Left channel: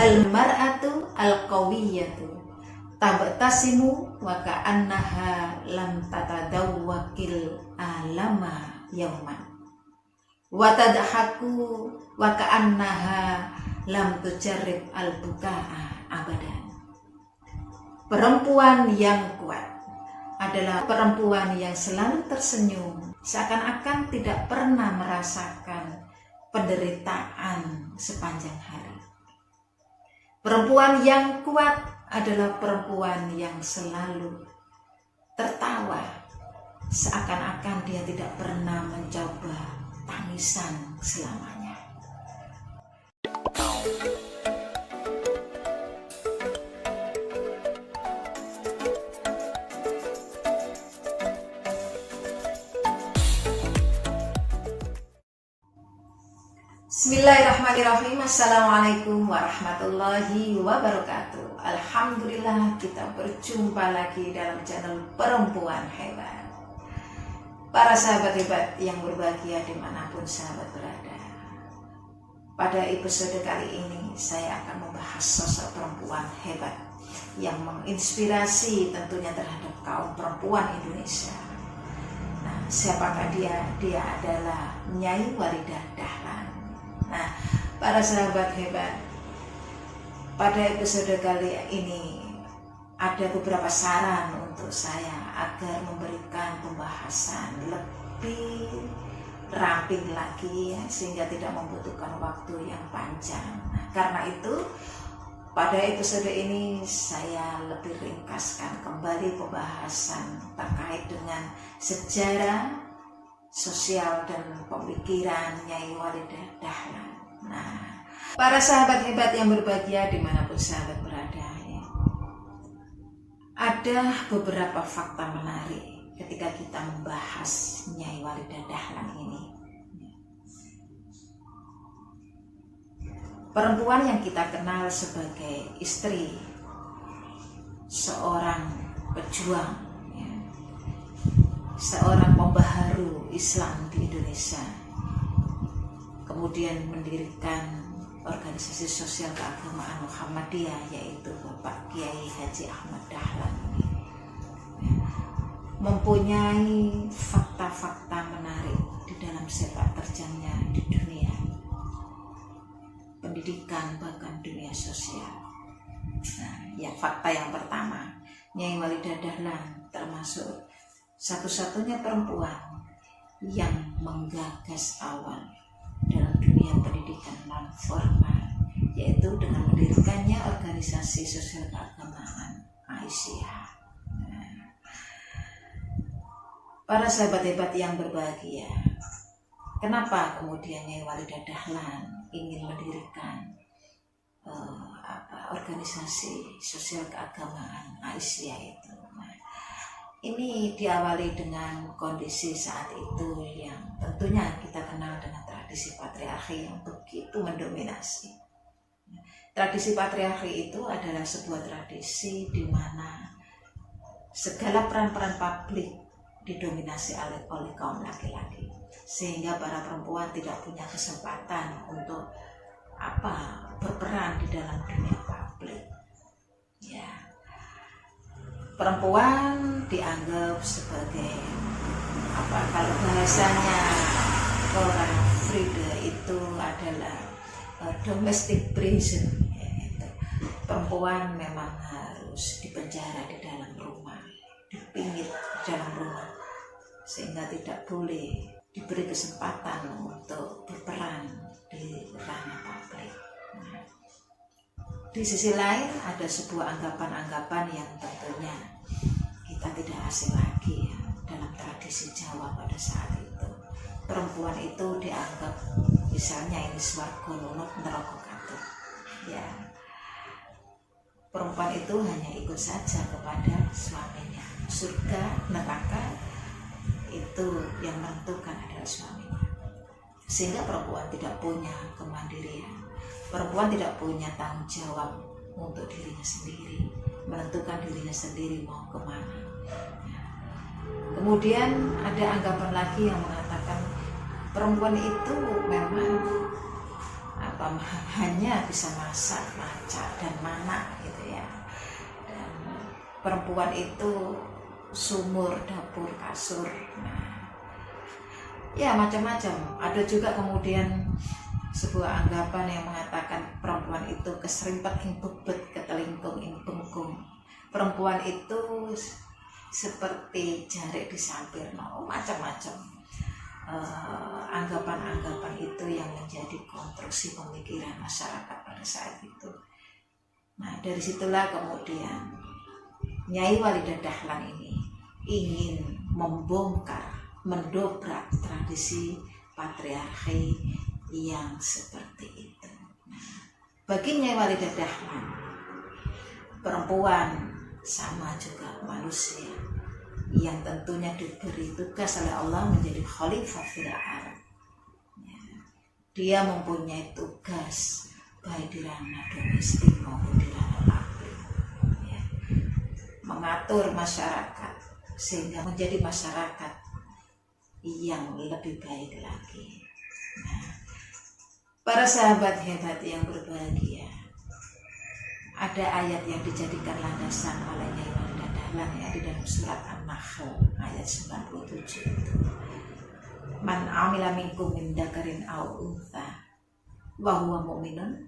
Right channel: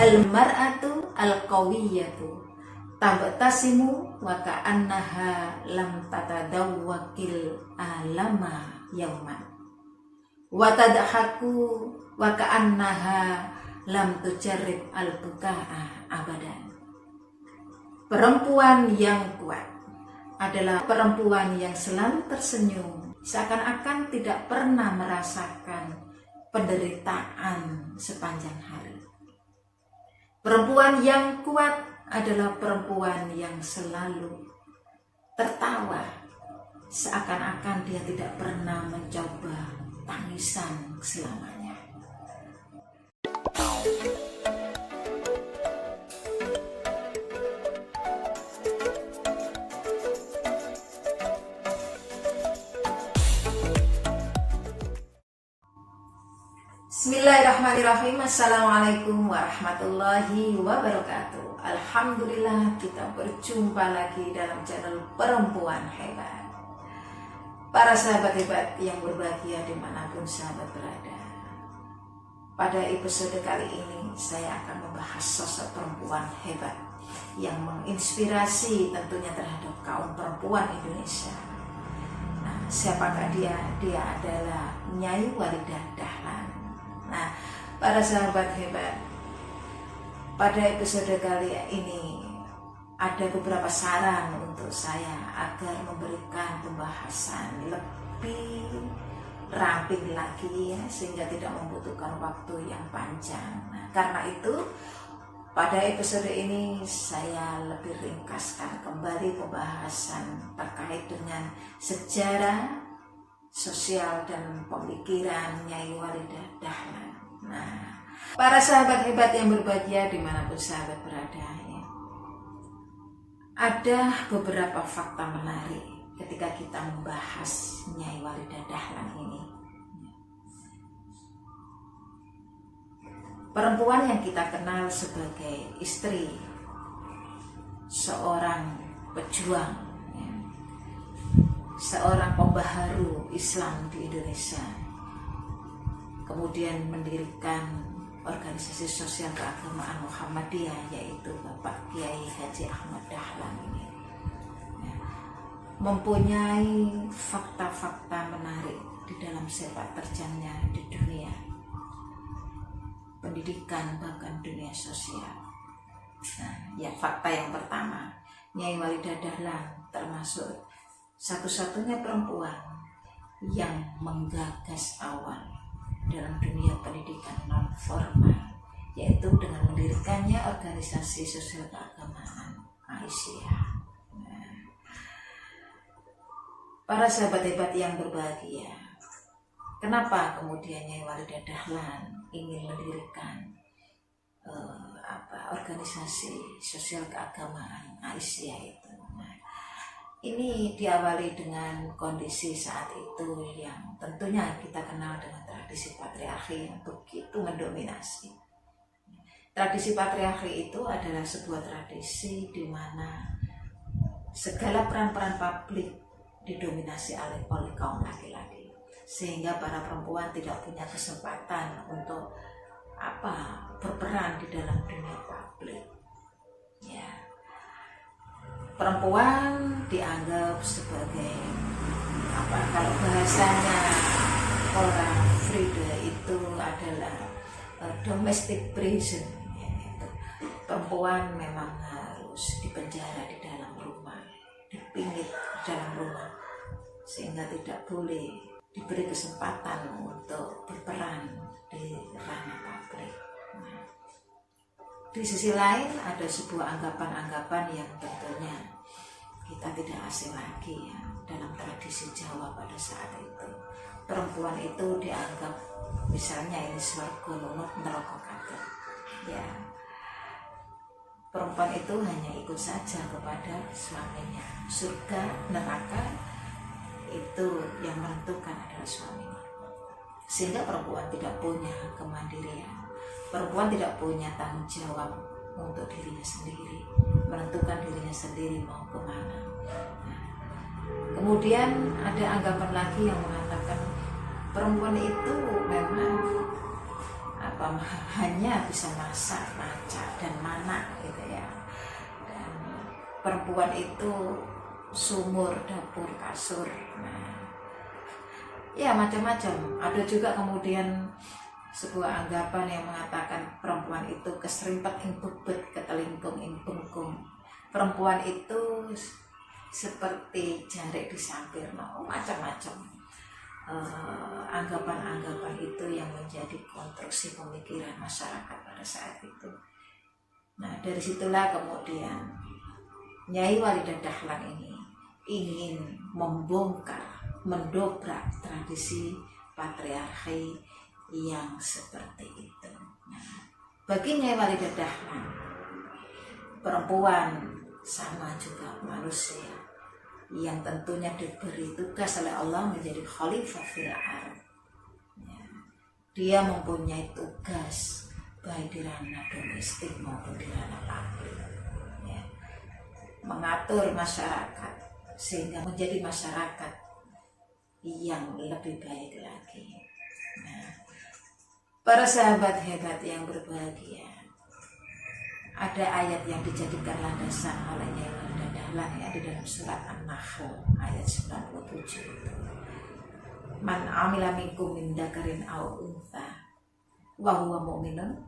Al-mar'atu al-qawiyatu tabtasimu wa ka'annaha lam tatadawwakil alama yauman wa tadhaku wa ka'annaha lam tujarrib al-buka'a abadan. Perempuan yang kuat adalah perempuan yang selalu tersenyum, seakan-akan tidak pernah merasakan penderitaan sepanjang hari. Perempuan yang kuat adalah perempuan yang selalu tertawa, seakan-akan dia tidak pernah mencoba tangisan selamanya. Bismillahirrahmanirrahim. Assalamualaikum warahmatullahi wabarakatuh. Alhamdulillah, kita berjumpa lagi dalam channel Perempuan Hebat. Para sahabat hebat yang berbahagia dimanapun sahabat berada, pada episode kali ini saya akan membahas sosok perempuan hebat yang menginspirasi tentunya terhadap kaum perempuan Indonesia. Nah, siapakah dia? Dia adalah Nyai Walidah Dahlan. Nah, para sahabat hebat, pada episode kali ini ada beberapa saran untuk saya agar memberikan pembahasan lebih ramping lagi ya, sehingga tidak membutuhkan waktu yang panjang. Nah, karena itu pada episode ini saya lebih ringkaskan kembali pembahasan terkait dengan sejarah sosial dan pemikiran Nyai Walidah Dahlan. Nah, para sahabat hebat yang berbahagia dimanapun sahabat berada ya, ada beberapa fakta menarik ketika kita membahas Nyai Walidah Dahlan ini. Perempuan yang kita kenal sebagai istri seorang pejuang, seorang pembaharu Islam di Indonesia, kemudian mendirikan organisasi sosial keagamaan Muhammadiyah, yaitu Bapak Kiai Haji Ahmad Dahlan ini, mempunyai fakta-fakta menarik di dalam sepak terjangnya di dunia pendidikan bahkan dunia sosial. Nah, yang fakta yang pertama, Nyai Walidah Dahlan termasuk satu-satunya perempuan yang menggagas awal dalam dunia pendidikan non formal, yaitu dengan mendirikannya organisasi sosial keagamaan Aisyah. Nah, para sahabat hebat yang berbahagia, kenapa kemudian Nyai Walidah Dahlan ingin mendirikan organisasi sosial keagamaan Aisyah itu? Ini diawali dengan kondisi saat itu yang tentunya kita kenal dengan tradisi patriarki yang begitu mendominasi. Tradisi patriarki itu adalah sebuah tradisi di mana segala peran-peran publik didominasi oleh kaum laki-laki, sehingga para perempuan tidak punya kesempatan untuk berperan di dalam dunia publik. Ya. Perempuan dianggap sebagai kalau bahasanya orang Frida itu adalah domestic prison, yaitu perempuan memang harus dipenjara di dalam rumah, dipingit di dalam rumah, sehingga tidak boleh diberi kesempatan untuk berperan di ranah publik. Nah, di sisi lain ada sebuah anggapan-anggapan yang tentunya kita tidak asing lagi ya, dalam tradisi Jawa pada saat itu. Perempuan itu dianggap misalnya ini swarga nunut neraka katut. Ya. Perempuan itu hanya ikut saja kepada suaminya. Surga, neraka itu yang menentukan adalah suaminya. Sehingga perempuan tidak punya kemandirian. Perempuan tidak punya tanggung jawab untuk dirinya sendiri, menentukan dirinya sendiri mau kemana. Kemudian ada anggapan lagi yang mengatakan perempuan itu memang hanya bisa masak, maca, dan manak gitu ya. Dan perempuan itu sumur, dapur, kasur. Nah, ya macam-macam. Ada juga kemudian sebuah anggapan yang mengatakan perempuan itu keserimpet ing bebet, ketelingkung ing bengkung. Perempuan itu seperti jarik di sampir, macam-macam. Anggapan-anggapan itu yang menjadi konstruksi pemikiran masyarakat pada saat itu. Nah, dari situlah kemudian Nyai Walidah Dahlan ini ingin membongkar, mendobrak tradisi patriarki yang seperti itu. Nah, bagi Nyai Walidah Dahlan, perempuan sama juga manusia yang tentunya diberi tugas oleh Allah menjadi khalifah fil ardh. Ya, dia mempunyai tugas baik di ranah domestik maupun di ranah publik, ya, mengatur masyarakat sehingga menjadi masyarakat yang lebih baik lagi. Nah, para sahabat hebat yang berbahagia, ada ayat yang dijadikan landasan oleh Nyai Walidah Dahlan ya, di dalam surat An-Nahl ayat 97 itu. Man amila minkum min dzakarin aw untha wa huwa mu'minun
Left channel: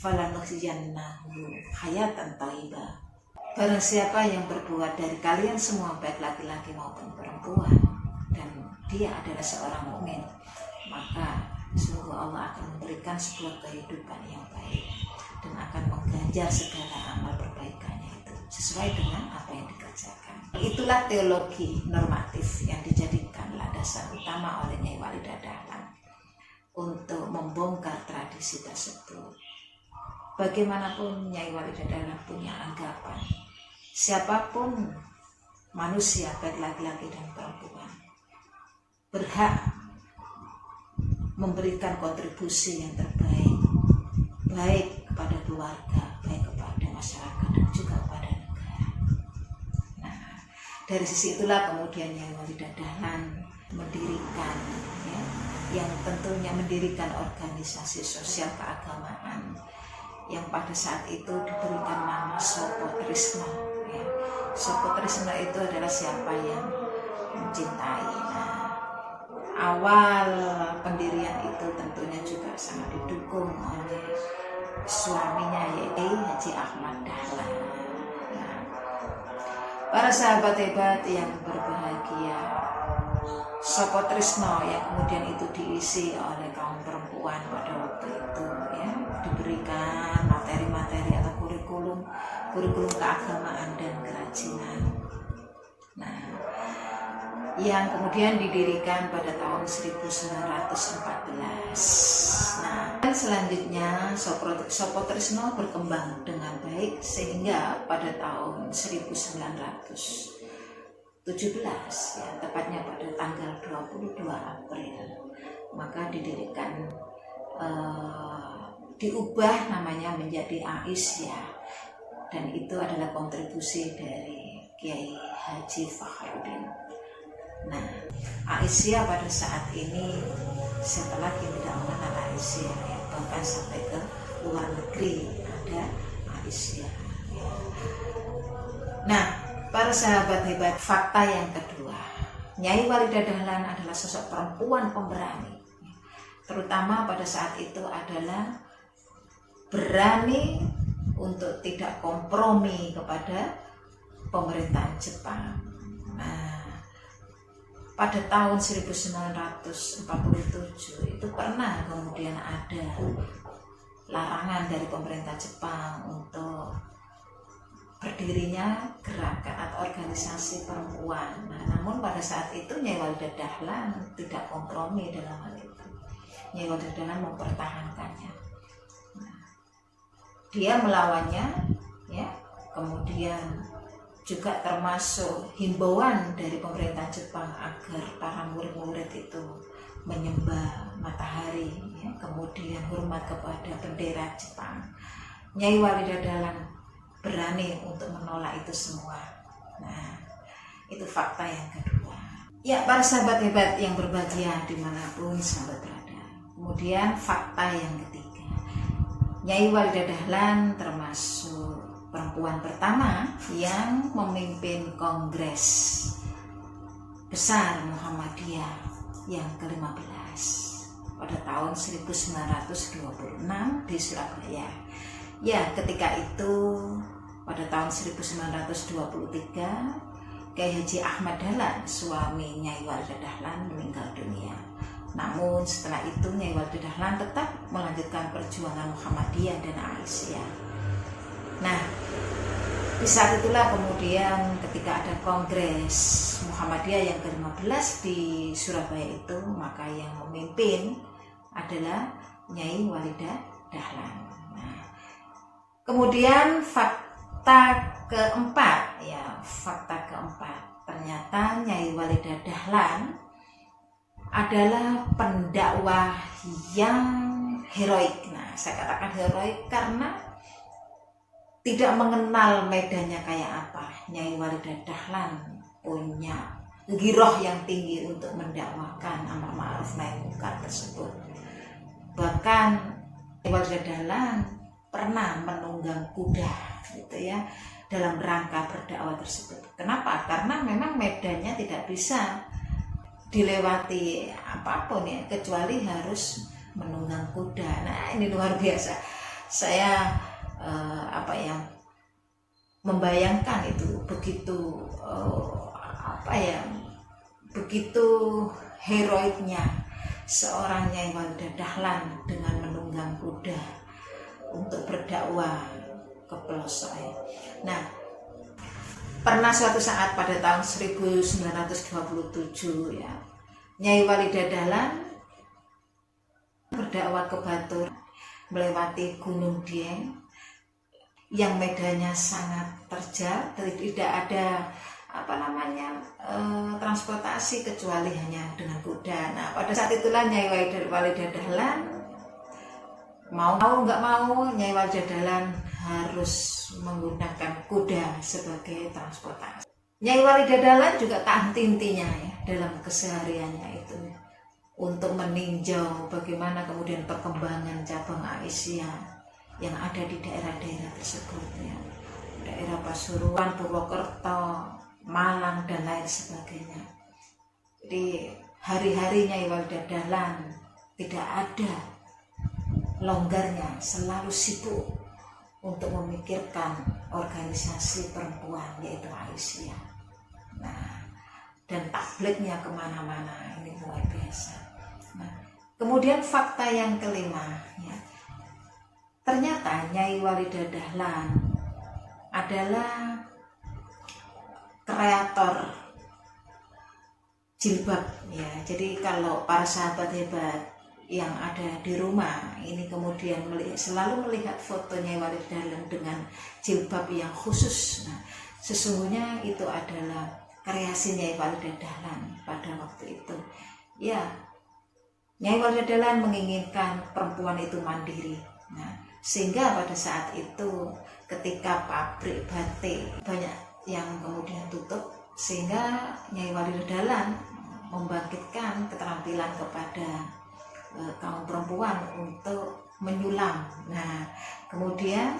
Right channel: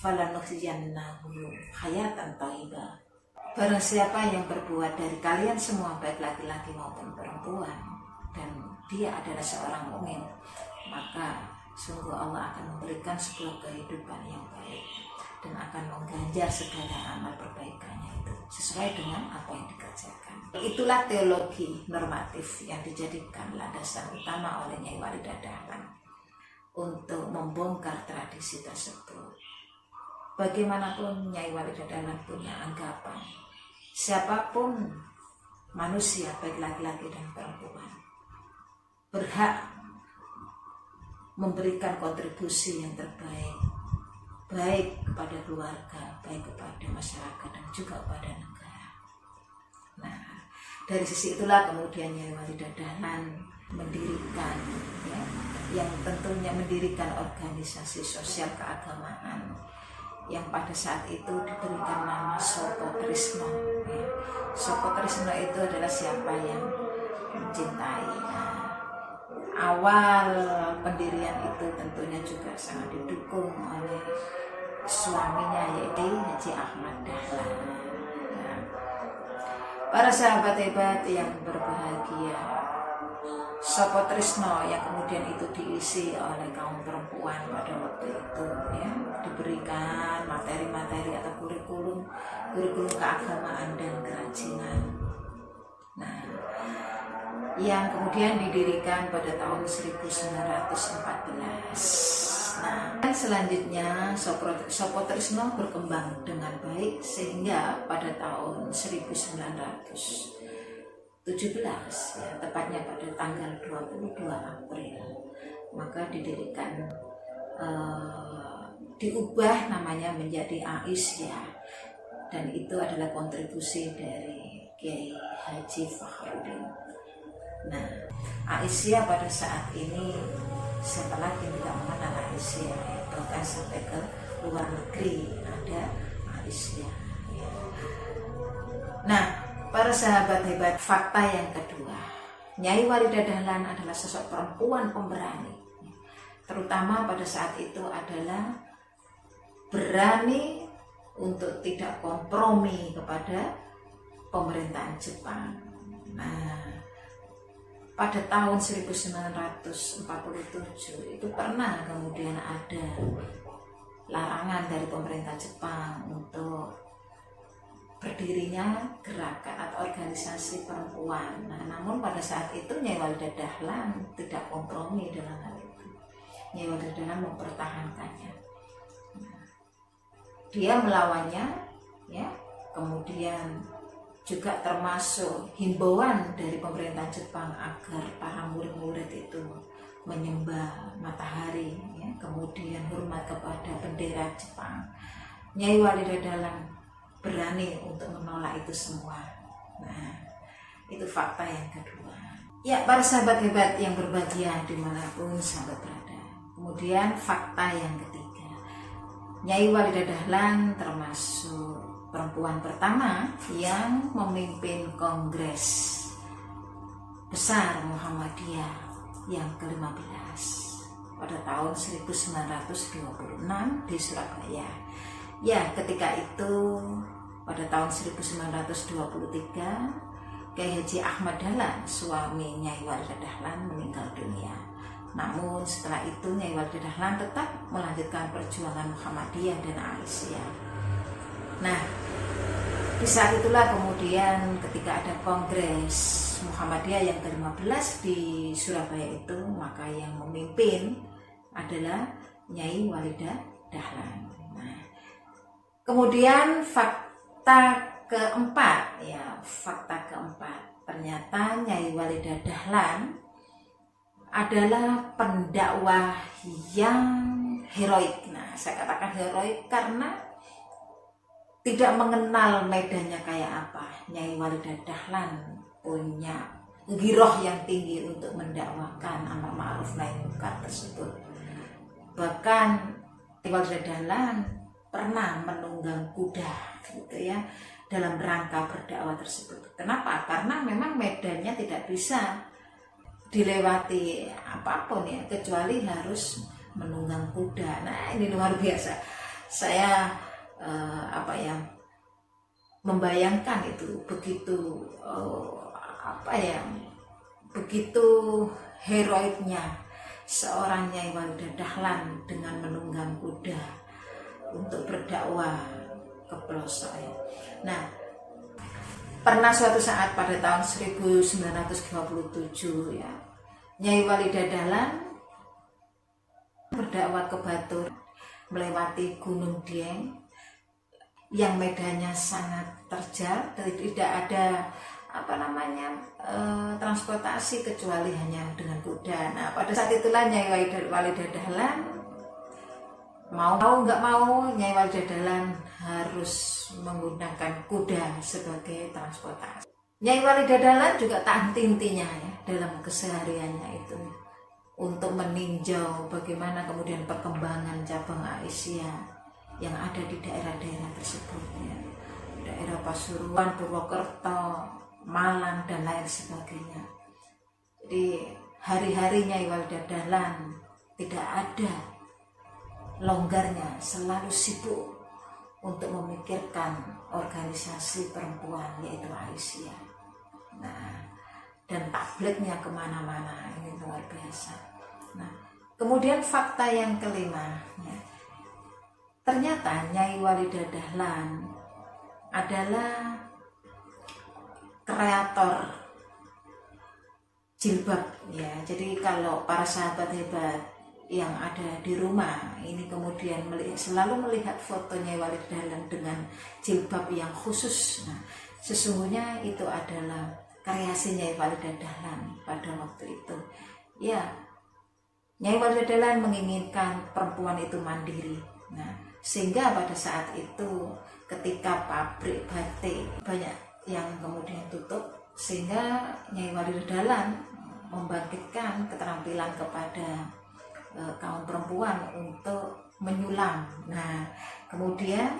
falanuhyiyannahu hayatan thayyibah. Barang siapa yang berbuat dari kalian semua baik laki-laki maupun perempuan dan dia adalah seorang mukmin, maka sungguh Allah akan memberikan sebuah kehidupan yang baik dan akan mengganjar segala amal perbaikannya itu sesuai dengan apa yang dikerjakan. Itulah teologi normatif yang dijadikan landasan utama oleh Nyai Walidah Dahlan untuk membongkar tradisi tersebut. Bagaimanapun Nyai Walidah Dahlan punya anggapan, siapapun manusia baik laki-laki dan perempuan berhak memberikan kontribusi yang terbaik, baik kepada keluarga, baik kepada masyarakat dan juga kepada negara. Nah, dari sisi itulah kemudian Nyai Walidah Dahlan mendirikan, ya, yang tentunya mendirikan organisasi sosial keagamaan yang pada saat itu diberikan nama Sopo Trisno. Ya. Sopo Trisno itu adalah siapa yang mencintai. Nah, awal pendirian itu tentunya juga sangat didukung oleh suaminya yaitu Haji Ahmad Dahlan. Nah, para sahabat hebat yang berbahagia, Sopo Trisno yang kemudian itu diisi oleh kaum perempuan pada waktu itu, ya, diberikan materi-materi atau kurikulum keagamaan dan kerajinan. Nah, yang kemudian didirikan pada tahun 1914. Nah, selanjutnya Sopo Trisno berkembang dengan baik sehingga pada tahun 1917, ya, tepatnya pada tanggal 22 April, maka didirikan, diubah namanya menjadi Aisyah, dan itu adalah kontribusi dari Kiai Haji Fakhruddin. Nah, Aisyah pada saat ini siapa lagi yang tidak mengenal Aisyah, ya, bahkan sampai ke luar negeri ada Aisyah, ya. Nah, para sahabat hebat, fakta yang kedua, Nyai Walidah Dahlan adalah sosok perempuan pemberani, terutama pada saat itu adalah berani untuk tidak kompromi kepada pemerintahan Jepang. Nah, pada tahun 1947 itu pernah kemudian ada larangan dari pemerintah Jepang untuk berdirinya gerakan atau organisasi perempuan. Nah, namun pada saat itu Nyai Walidah Dahlan tidak kompromi dalam hal itu. Nyai Walidah Dahlan mempertahankannya. Nah, dia melawannya, ya, kemudian juga termasuk himbauan dari pemerintah Jepang agar para murid-murid itu menyembah matahari, ya, kemudian hormat kepada bendera Jepang. Nyai Walidah Dahlan berani untuk menolak itu semua. Nah, itu fakta yang kedua. Ya, para sahabat hebat yang berbahagia dimanapun sahabat berada. Kemudian fakta yang ketiga, Nyai Walidah Dahlan termasuk perempuan pertama yang memimpin Kongres Besar Muhammadiyah yang ke-15 pada tahun 1926 di Surabaya. Ya, ketika itu pada tahun 1923 Kiai Haji Ahmad Dahlan, suami Nyai Walidah Dahlan, meninggal dunia. Namun setelah itu Nyai Walidah Dahlan tetap melanjutkan perjuangan Muhammadiyah dan Aisyah. Nah, di saat itulah kemudian ketika ada Kongres Muhammadiyah yang ke-15 di Surabaya itu, maka yang memimpin adalah Nyai Walidah Dahlan. Nah, kemudian fakta keempat, ternyata Nyai Walidah Dahlan adalah pendakwah yang heroik. Nah, saya katakan heroik karena tidak mengenal medannya kayak apa. Nyai Walidah Dahlan punya giroh yang tinggi untuk mendakwakan amar ma'ruf nahi munkar tersebut. Bahkan Nyai Walidah Dahlan pernah menunggang kuda gitu ya dalam rangka berdakwah tersebut. Kenapa? Karena memang medannya tidak bisa dilewati apapun ya, kecuali harus menunggang kuda. Nah, ini luar biasa. Saya membayangkan itu begitu begitu heroiknya seorang Nyai Walidah Dahlan dengan menunggang kuda untuk berdakwah ke pelosok ya. Nah, pernah suatu saat pada tahun 1927 ya, Nyai Walidah Dahlan berdakwah ke Batur melewati Gunung Dieng yang medannya sangat terjal, tidak ada transportasi kecuali hanya dengan kuda. Nah, pada saat itulah Nyai Walidah Dahlan mau nggak mau, Nyai Walidah Dahlan harus menggunakan kuda sebagai transportasi. Nyai Walidah Dahlan juga tak henti-hentinya ya dalam kesehariannya itu untuk meninjau bagaimana kemudian perkembangan cabang Aisyah yang ada di daerah-daerah tersebut ya. Daerah Pasuruan, Purwokerto, Malang dan lain sebagainya. Jadi hari-hari Nyai Walidah Dahlan tidak ada longgarnya, selalu sibuk untuk memikirkan organisasi perempuan yaitu Aisyah. Nah, dan tablignya kemana-mana, ini luar biasa. Nah, kemudian fakta yang kelima ya, ternyata Nyai Walidah Dahlan adalah kreator jilbab ya. Jadi kalau para sahabat hebat yang ada di rumah ini kemudian selalu melihat foto Nyai Walidah Dahlan dengan jilbab yang khusus. Nah, sesungguhnya itu adalah kreasi Nyai Walidah Dahlan pada waktu itu. Ya, Nyai Walidah Dahlan menginginkan perempuan itu mandiri. Nah, sehingga pada saat itu ketika pabrik batik banyak yang kemudian tutup, sehingga Nyai Walidah Dahlan membangkitkan keterampilan kepada kaum perempuan untuk menyulam. Nah, kemudian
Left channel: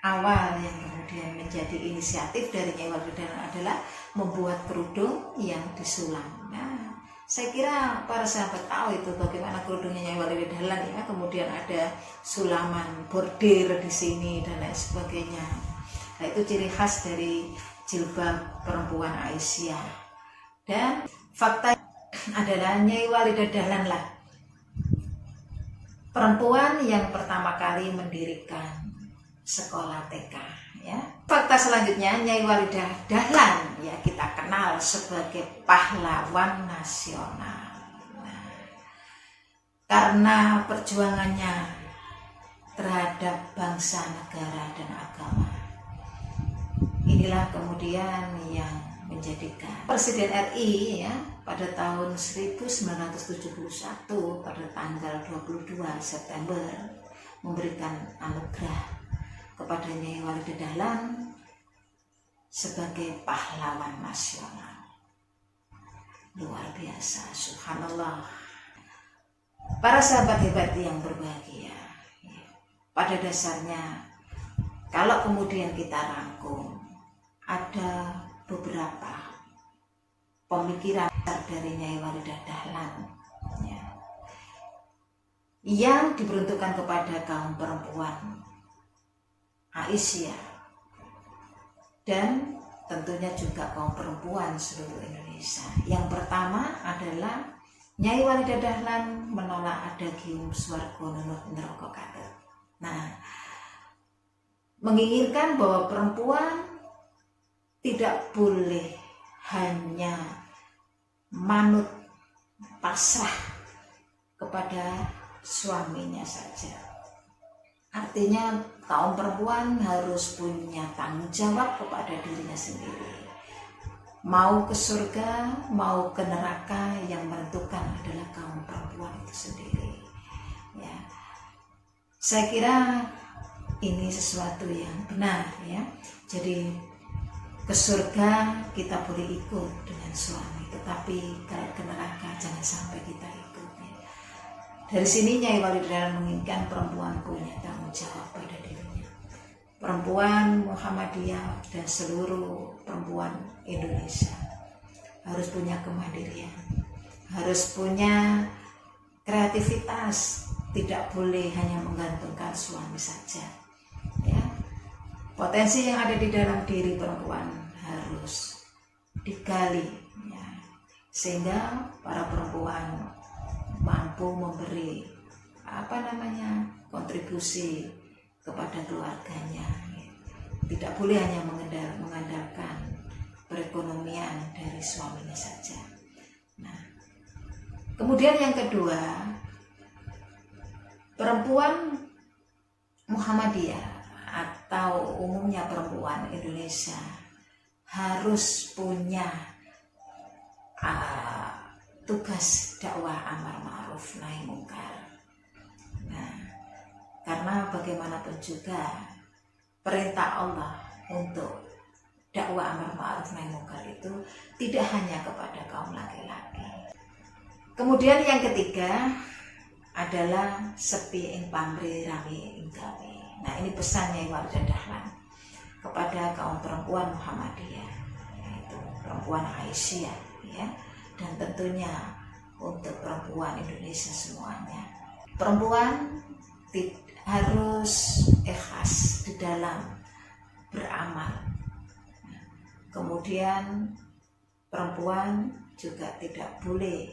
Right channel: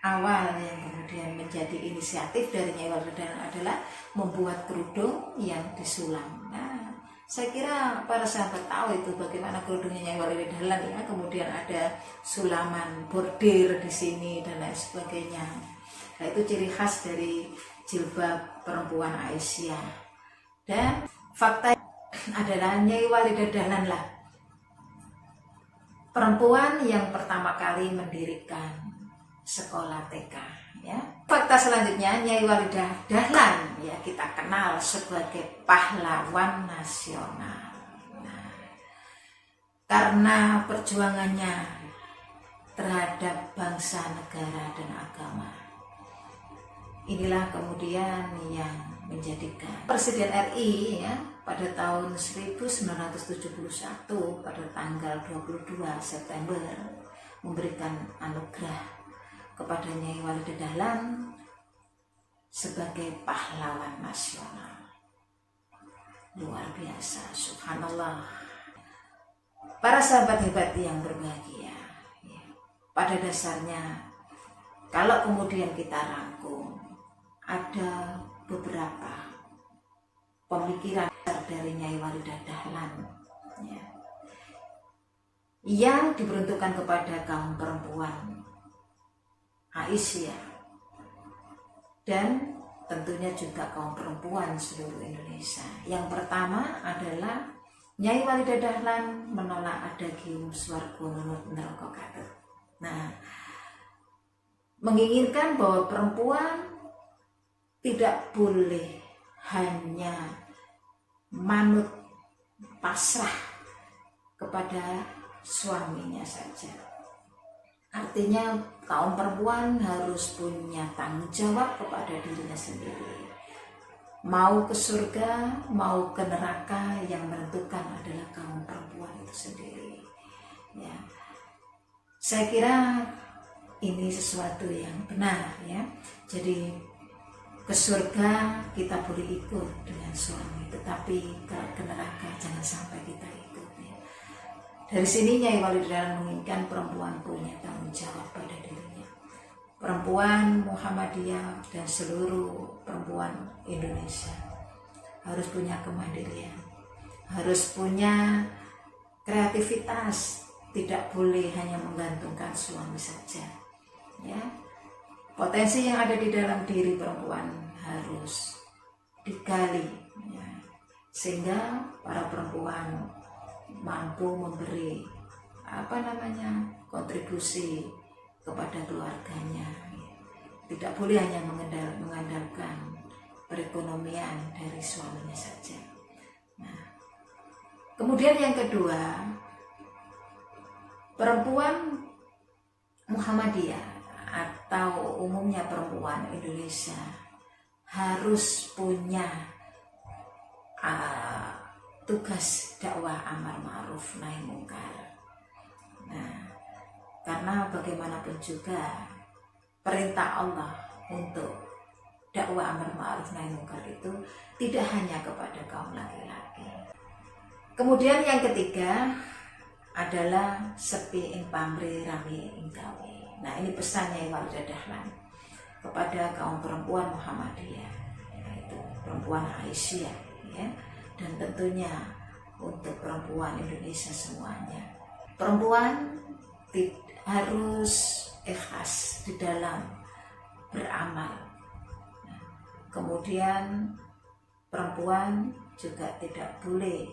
awal yang kemudian menjadi inisiatif dari Nyai Walidah Dahlan adalah membuat kerudung yang disulam. Nah, saya kira para sahabat tahu itu bagaimana kerudungnya Nyai Walidah Dahlan ya. Kemudian ada sulaman bordir di sini dan lain sebagainya. Nah, itu ciri khas dari jilbab perempuan Aisyah. Dan fakta adalah Nyai Walidah Dahlan lah perempuan yang pertama kali mendirikan sekolah TK ya. Fakta selanjutnya, Nyai Walidah Dahlan ya kita kenal sebagai pahlawan nasional. Nah, karena perjuangannya terhadap bangsa, negara dan agama, inilah kemudian yang menjadikan Presiden RI ya pada tahun 1971 pada tanggal 22 September memberikan anugerah kepada Nyai Walidah Dahlan sebagai pahlawan nasional. Luar biasa, subhanallah. Para sahabat hebat yang berbahagia, pada dasarnya kalau kemudian kita rangkum, ada beberapa pemikiran dari Nyai Walidah Dahlan yang diperuntukkan kepada kaum perempuan Aisyah dan tentunya juga kaum perempuan seluruh Indonesia. Yang pertama adalah Nyai Walidah Dahlan menolak adagium swarga nunut neraka katut. Nah, menginginkan bahwa perempuan tidak boleh hanya manut pasrah kepada suaminya saja. Artinya kaum perempuan harus punya tanggung jawab kepada dirinya sendiri. Mau ke surga, mau ke neraka, yang menentukan adalah kaum perempuan itu sendiri. Ya, saya kira ini sesuatu yang benar ya. Jadi ke surga kita boleh ikut dengan suami, tetapi kalau ke neraka jangan sampai kita ikut ya. Dari sini Nyai Walidah Dahlan menginginkan perempuan punya tanggung jawab pada dirinya. Perempuan Muhammadiyah dan seluruh perempuan Indonesia harus punya kemandirian, harus punya kreativitas, tidak boleh hanya menggantungkan suami saja. Ya, potensi yang ada di dalam diri perempuan harus digali, ya, sehingga para perempuan mampu memberi kontribusi kepada keluarganya. Tidak boleh hanya mengandalkan perekonomian dari suaminya saja. Nah, kemudian yang kedua, perempuan Muhammadiyah atau umumnya perempuan Indonesia harus punya tugas dakwah amar ma'ruf nahi mungkar. Nah, karena bagaimanapun juga perintah Allah untuk dakwah amar ma'ruf nahi mungkar itu tidak hanya kepada kaum laki-laki. Kemudian yang ketiga adalah sepi ing pamrih rami ing gawe. Nah, ini pesannya Walidah Dahlan kepada kaum perempuan Muhammadiyah, yaitu perempuan Aisyah ya, dan tentunya untuk perempuan Indonesia semuanya. Perempuan harus ikhlas di dalam beramal. Nah, kemudian perempuan juga tidak boleh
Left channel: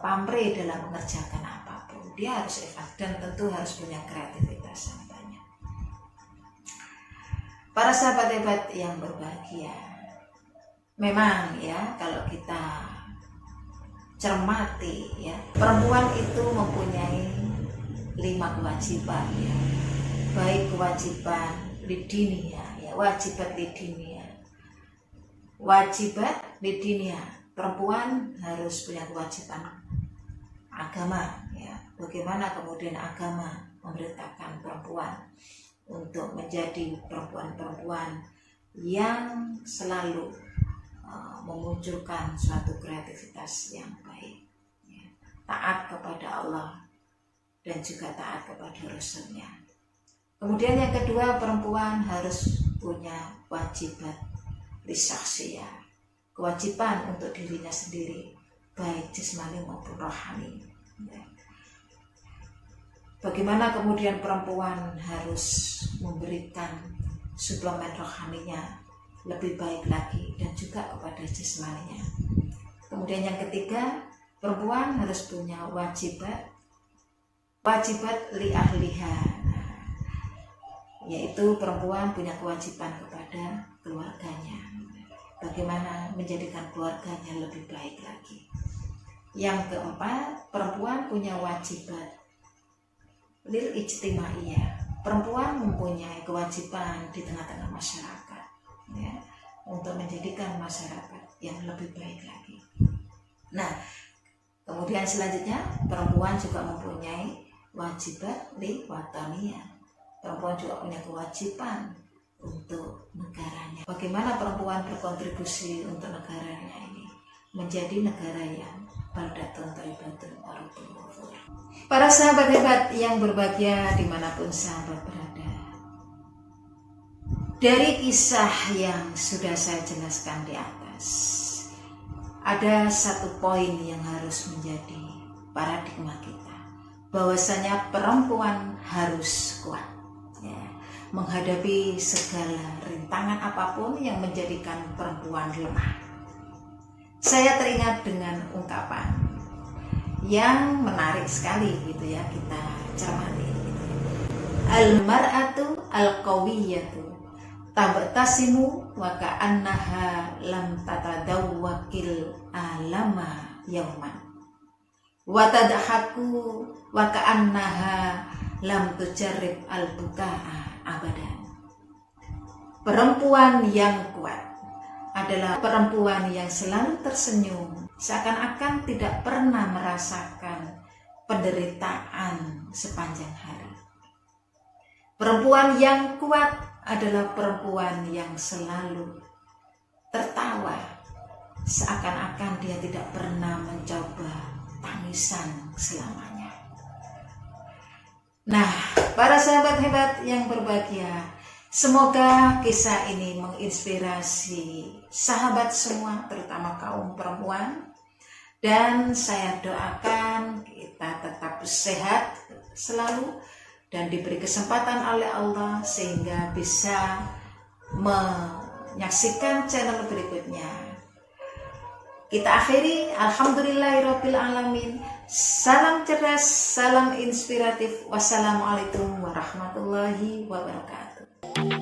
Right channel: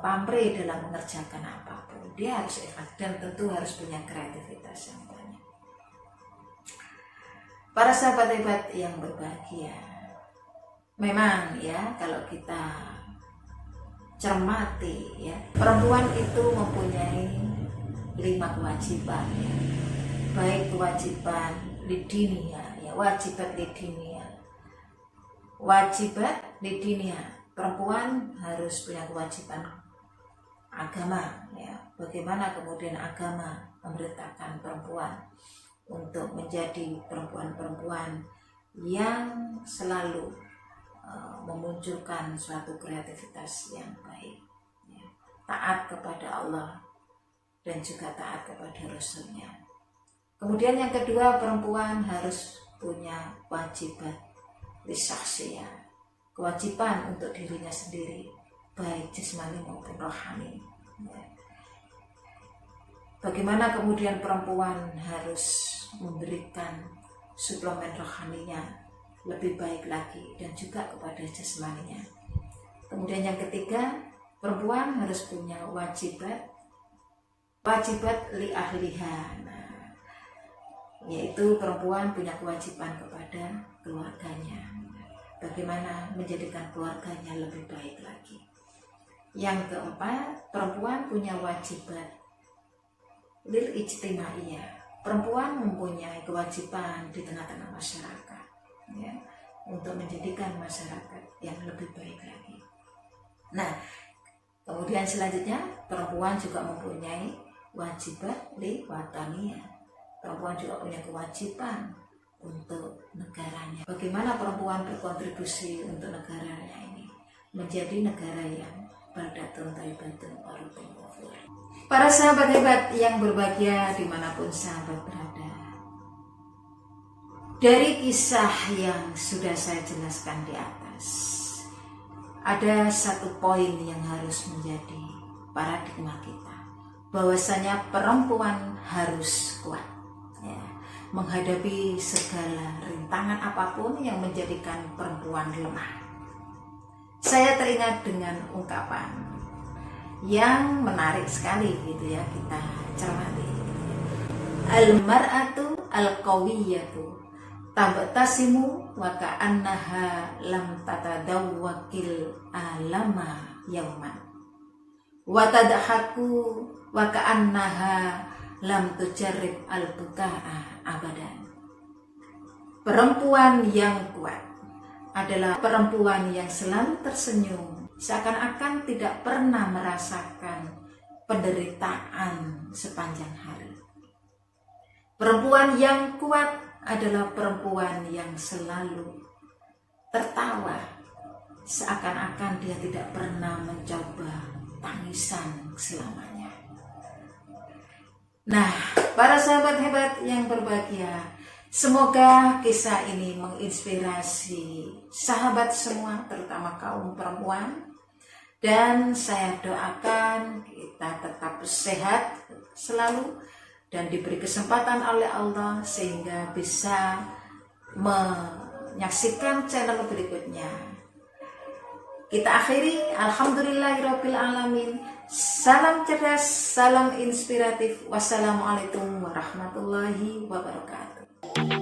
pamrih dalam mengerjakan apapun. Dia harus ikhlas dan tentu harus punya kreativitas yang banyak. Para sahabat hebat yang berbahagia, memang ya kalau kita cermati ya, perempuan itu mempunyai 5 kewajiban ya. Baik kewajiban lidinia ya, wajibat lidinia. Wajibat lidinia, perempuan harus punya kewajiban agama ya. Bagaimana kemudian agama memerintahkan perempuan untuk menjadi perempuan-perempuan yang selalu memunculkan suatu kreativitas yang baik ya. Taat kepada Allah dan juga taat kepada Rasulnya. Kemudian yang kedua, perempuan harus punya wajibat lisaksiyah, kewajiban untuk dirinya sendiri, baik jasmani maupun rohani ya. Bagaimana kemudian perempuan harus memberikan suplemen rohaninya lebih baik lagi dan juga kepada jasmaninya. Kemudian yang ketiga, perempuan harus punya wajibat li ahliha, yaitu perempuan punya kewajiban kepada keluarganya, bagaimana menjadikan keluarganya lebih baik lagi. Yang keempat, perempuan punya wajibat lil ijtimaiyah, perempuan mempunyai kewajiban di tengah-tengah masyarakat ya, untuk menjadikan masyarakat yang lebih baik lagi. Nah, kemudian selanjutnya perempuan juga mempunyai wajibat li wataniyah, perempuan juga punya kewajiban untuk negaranya. Bagaimana perempuan berkontribusi untuk negaranya ini menjadi negara yang baldatun thayyibatun wa rabbun ghafur. Para sahabat hebat yang berbahagia dimanapun sahabat berada, dari kisah yang sudah saya jelaskan di atas, ada satu poin yang harus menjadi paradigma kita, bahwasanya perempuan harus kuat ya, menghadapi segala rintangan apapun yang menjadikan perempuan lemah. Saya teringat dengan ungkapan yang menarik sekali gitu ya, kita cermati gitu ya. Al-mar'atu al-qawiyatu tabtasimu wa ka'annaha lam tatadawwakil alama yauman wa tadhaku wa ka'annaha lam tujarrib al-buka'a abadan. Perempuan yang kuat adalah perempuan yang selalu tersenyum, seakan-akan tidak pernah merasakan penderitaan sepanjang hari. Perempuan yang kuat adalah perempuan yang selalu tertawa, seakan-akan dia tidak pernah mencoba tangisan selamanya. Nah, para sahabat hebat yang berbahagia, semoga kisah ini menginspirasi sahabat semua, terutama kaum perempuan. Dan saya doakan kita tetap sehat selalu dan diberi kesempatan oleh Allah sehingga bisa menyaksikan channel berikutnya. Kita akhiri, alhamdulillahirabbil alamin. Salam cerdas, salam inspiratif. Wassalamualaikum warahmatullahi wabarakatuh.